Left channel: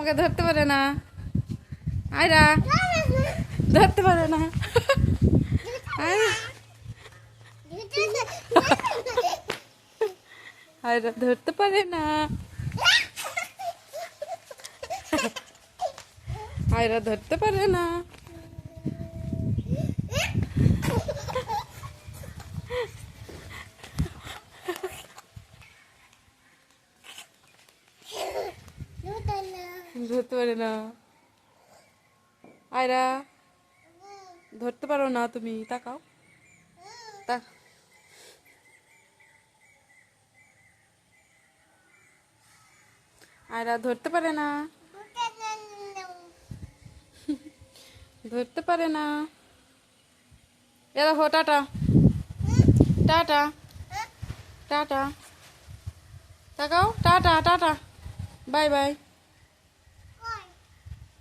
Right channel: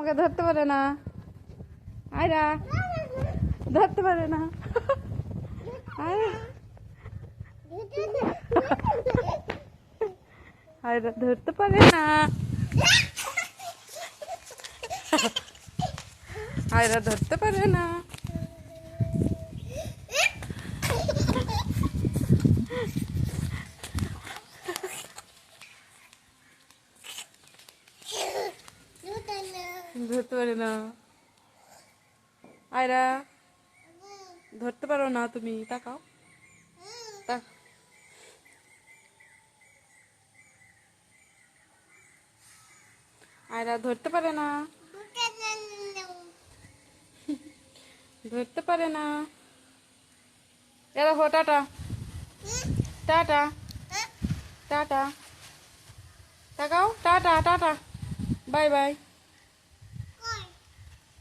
আমাকে ধরতে পারে না। আয়রা ধরতে পারে না। আয়রা আয়রা ধরতে পারে না। আয়রা ধরতে পারে না। ধরতে পারে না। আয়রা ধরতে পারো না তুমি, তাকাও। আয়রা ধরতে পারে না, ধরতে পারে না। এ দেখো, টাটা টাটা টাটা, তাকাও, টাটা টাটা, বাই বাই।